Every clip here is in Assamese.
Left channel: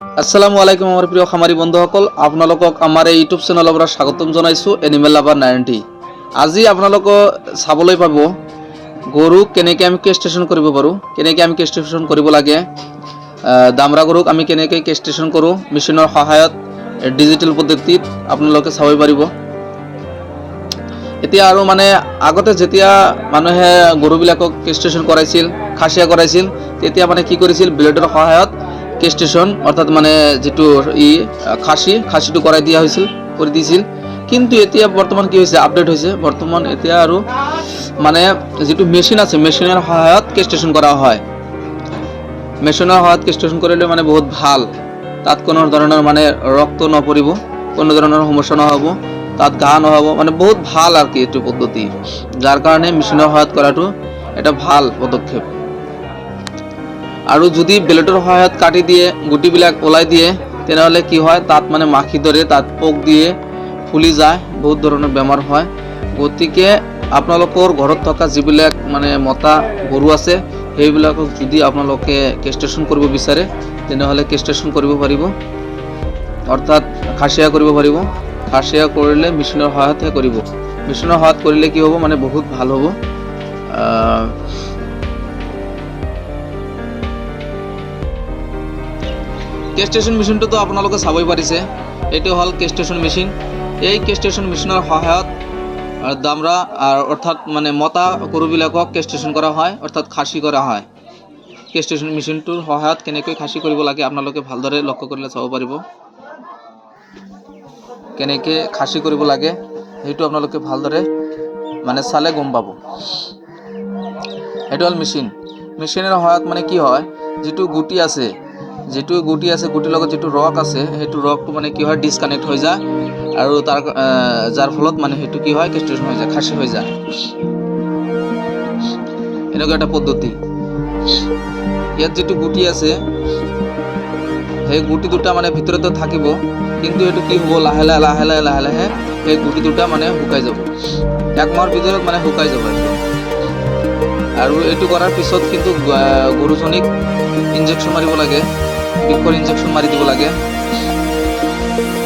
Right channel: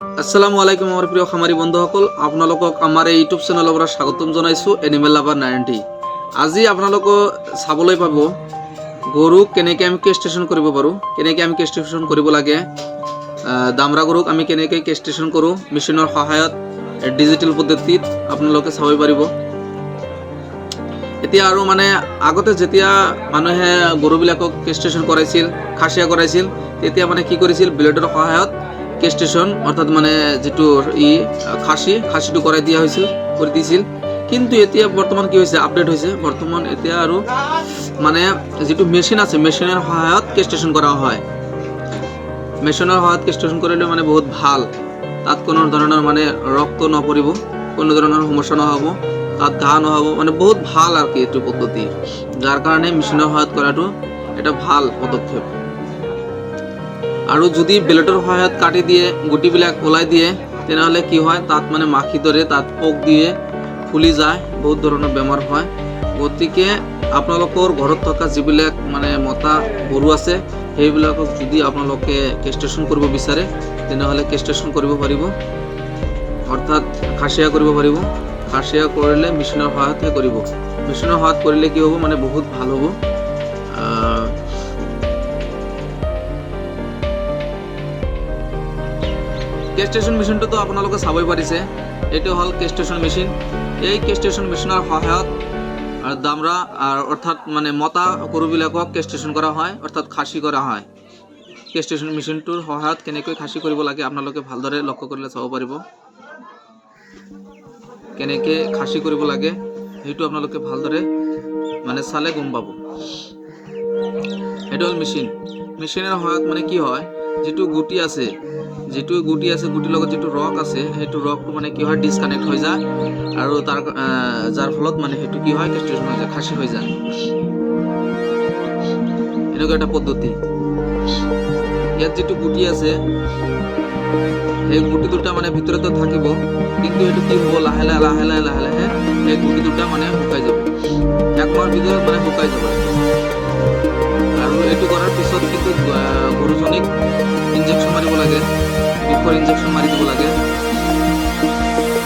আসসালামু আলাইকুম আমাৰ প্ৰিয় খামাৰী বন্ধুসকল, আপোনালোকক আমাৰ এই ইউটিউব চেনেলৰ পৰা স্বাগতম জনাইছোঁ এনিমেল লাভাৰ 90। আজি আপোনালোকক চাবলৈ পাব গৰুক কেনেকৈ আমি কেষ্ট্ৰেশ্যন কৰিব পাৰোঁ, কেনেকৈ আমি কেষ্ট্ৰেশ্যন কৰিব লাগে। দামৰা গৰুক আমি কেনেকৈ কেষ্ট্ৰেশ্যন কৰোঁ মেচিনৰ সহায়ত ডিজিটেল পদ্ধতিত আপোনালোকে চাব পাৰিব। এতিয়া আৰু মানে আগতে যেতিয়া মানুহে গৰুবিলাকক কেষ্ট্ৰেশ্যন কৰাইছিল, খাচীয়া কৰাইছিল, তেতিয়া মানে কি কৰিছিল, ব্লেডৰ সহায়ত কেষ্ট্ৰেশ্যন অৰ্থাৎ মানে যিটো খাচীটো কৰাই দিয়া হৈছিল, কৰি দিছিল। কিন্তু এতিয়া বৰ্তমান কি হৈছে, আপডেট হৈছে। বৰ্তমান এতিয়া আৰু মানে যিটো মেচিন আছে, মেচিনৰ সহায়ত কেষ্ট্ৰেশ্যন কৰা হয়। মেচিনৰ সহায়ত কেষ্ট্ৰেশ্যন কৰিলে মানে বহুত ভাল। তাত কোনো ধৰণৰ মানে ৰক্ত নপৰিব, কোনো ধৰণৰ সমস্যা নহ'ব, তাত ঘাঁ নহ'ব, মানে বহুত ভাল আৰু কি এইটো পদ্ধতি। যাৰ কাৰণে মেচিনৰ সহায়ত কৰাটো এটা ভাল পদক্ষেপ। আৰু যদি ব্লেডৰ সহায়ত কাটি দিয়ে, গুটিবিলাক ওলাই দিয়ে, তেনেহ'লে কি হয়, তাত মানে মাখি ধৰে, তাত পোক দিয়ে, ফুলি যায়, বহুত ধৰণৰ বেমাৰ হয়। গতিকে আপোনালোকৰ ঘৰত থকা যিবিলাক মানে মতা গৰু আছে, সেইবিলাকক যদি আপোনালোকে কেষ্ট্ৰেশ্যন কৰিব বিচাৰে, তেনেহ'লে কেষ্ট্ৰেশ্যন কৰিব পাৰিব, অৰ্থাৎ খাচীয়া কৰিব পাৰিব। খাচীয়া কৰিলে মেচিনৰ সহায়তহে কৰিব। মেচিনৰ সহায়ত কৰিলে কি হ'ব, মানে বহুত ভাল হ'ব। কেষ্ট্ৰেশ্যন মেচিনটোতো আপোনালোকে চাবই পাৰিছে, এইটো হ'ল কেষ্ট্ৰেশ্যন মেচিন। এই কেষ্ট্ৰেশ্যন মেচিনৰ সহায়ত দামৰা অৰ্থাৎ মানে মতা গৰুবিলাকক কেষ্ট্ৰেশ্যন কৰা হয়, অৰ্থাৎ খাচী কৰা হয়। কেষ্ট্ৰেশ্যন মেচিনটোৰ সহায়ত কেনেকৈ খাচী কৰিব লাগে আপোনালোকে ভালদৰে লক্ষ্য কৰিলে চাব পাৰিব। কেনেকৈ খাচী কৰিব লাগে সেইটো আপোনালোকে ভালদৰে মানে চালে গম পাব। এইটো হ'ল মেচিন। মেচিনৰ সহায়ত মানে কি হয়, যিটো গুটি আছে, গুটিৰ লগত যিটো ৰস আছে, সেইটো ৰসটো মানে কি হয়, ডিছকানেক্ট হৈ যায়, আৰু যাৰ ফলত মানে সেইটো কি হয়, কেষ্ট্ৰেশ্যন হৈ যায়, খাচী হৈ যায়। এনেকুৱা এটা পদ্ধতি। ইয়াত যিটো গুটি আছে, সেই গুটি দুটা মানে ভিতৰতে থাকিব, কিন্তু এইটো কি হ'ব, লাহে লাহে সেই গুটি দুটা মানে শুকাই যাব। 1 মাহৰ ভিতৰত মানে শুকাই যাব একদম। আৰু এইটো কৰাৰ পিছত কিন্তু গৰুজনীক ইনজেকশ্যন মাৰিব লাগে, বিষৰ ইনজেকশ্যন মাৰি দিব লাগে,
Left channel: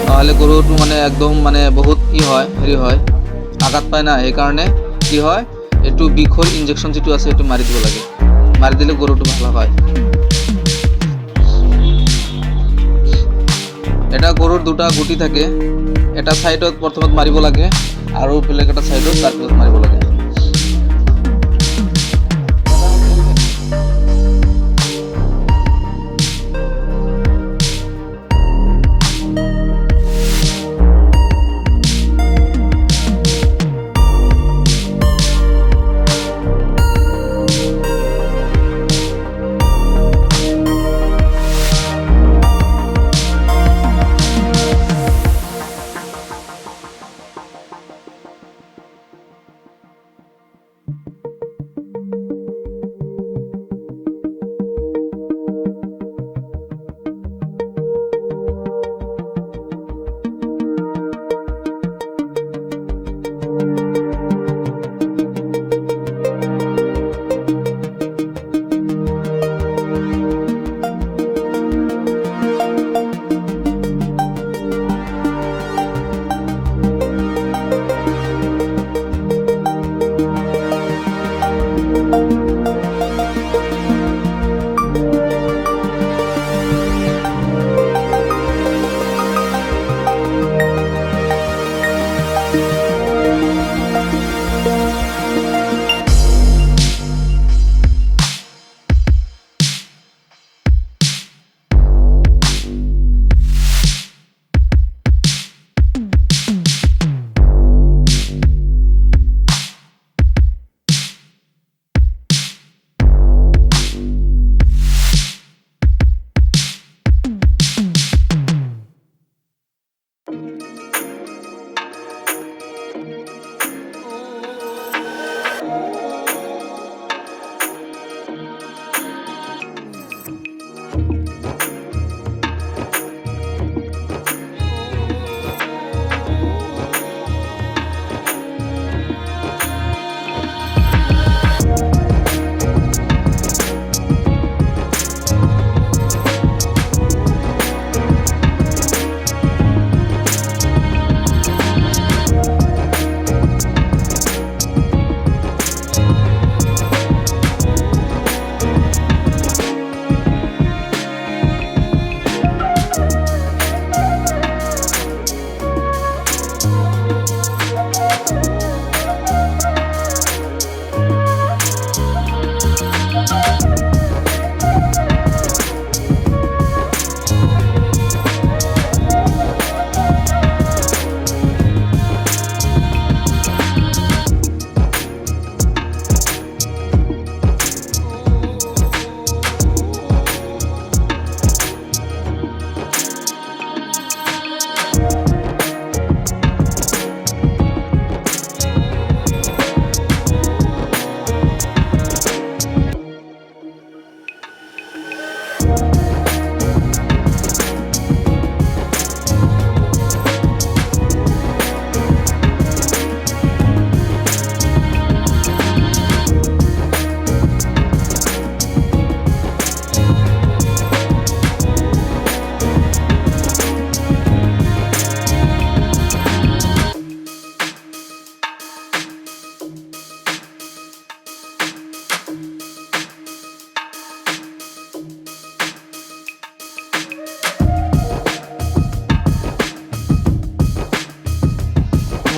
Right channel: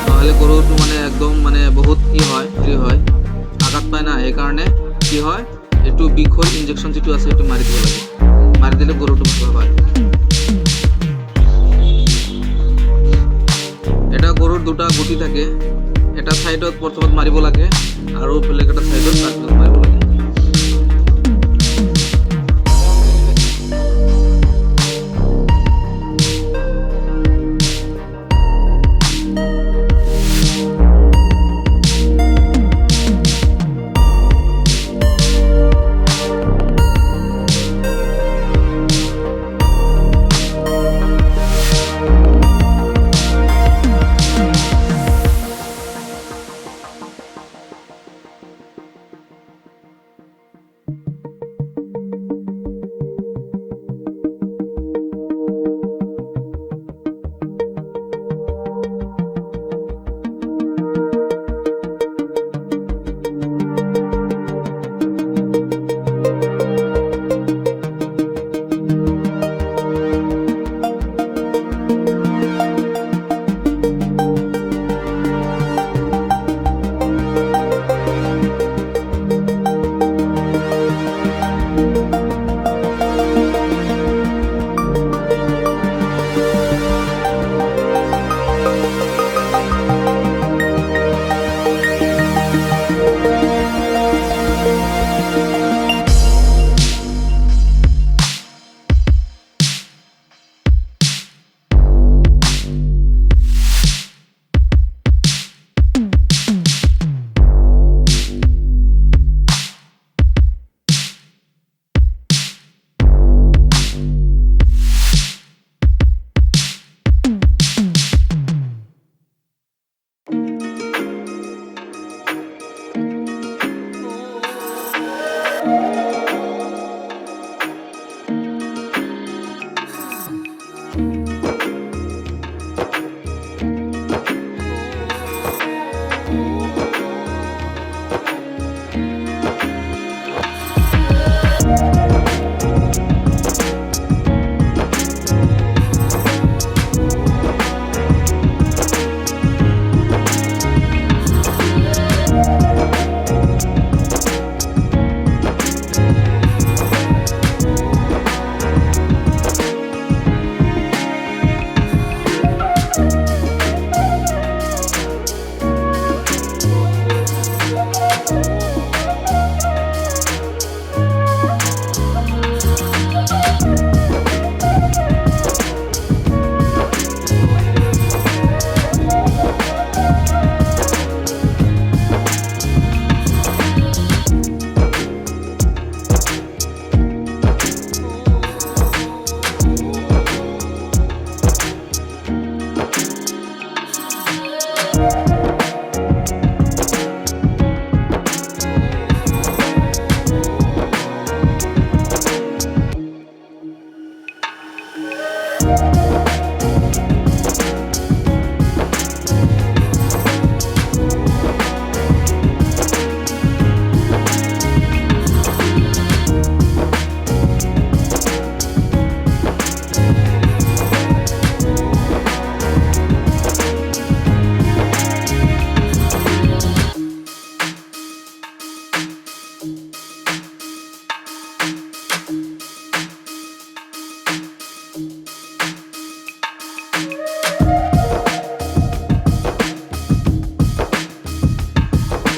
নহ'লে গৰুটো মানে একদম মানে বহুত হেৰি হয়, আঘাত পায় না। সেইকাৰণে কি হয়, এইটো বিষৰ ইনজেকশ্যন যিটো আছে, সেইটো মাৰি দিব লাগে। মাৰি দিলে গৰুটো ভাল হয়। এটা গৰুৰ দুটা গুটি থাকে, এটা ছাইডত প্ৰথমত মাৰিব লাগে, আৰু বেলেগ এটা ছাইডত তাৰপিছত মাৰিব লাগে।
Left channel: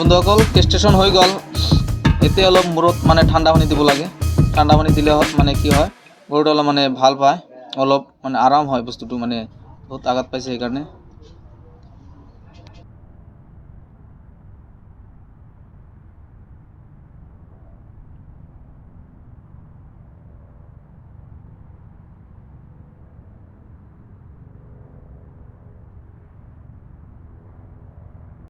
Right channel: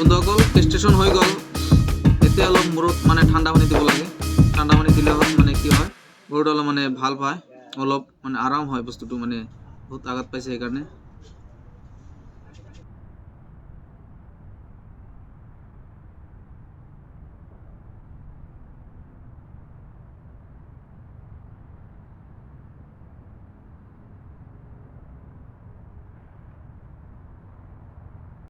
বন্ধুসকল কেষ্ট্ৰেশ্যন হৈ গ'ল। এতিয়া অলপ মূৰত মানে ঠাণ্ডা পানী দিব লাগে। ঠাণ্ডা পানী দিলে মানে কি হয় গৰুটো অলপ মানে ভাল পায়, অলপ মানে আৰাম হয় বস্তুটো, মানে বহুত আঘাত পাইছে সেইকাৰণে।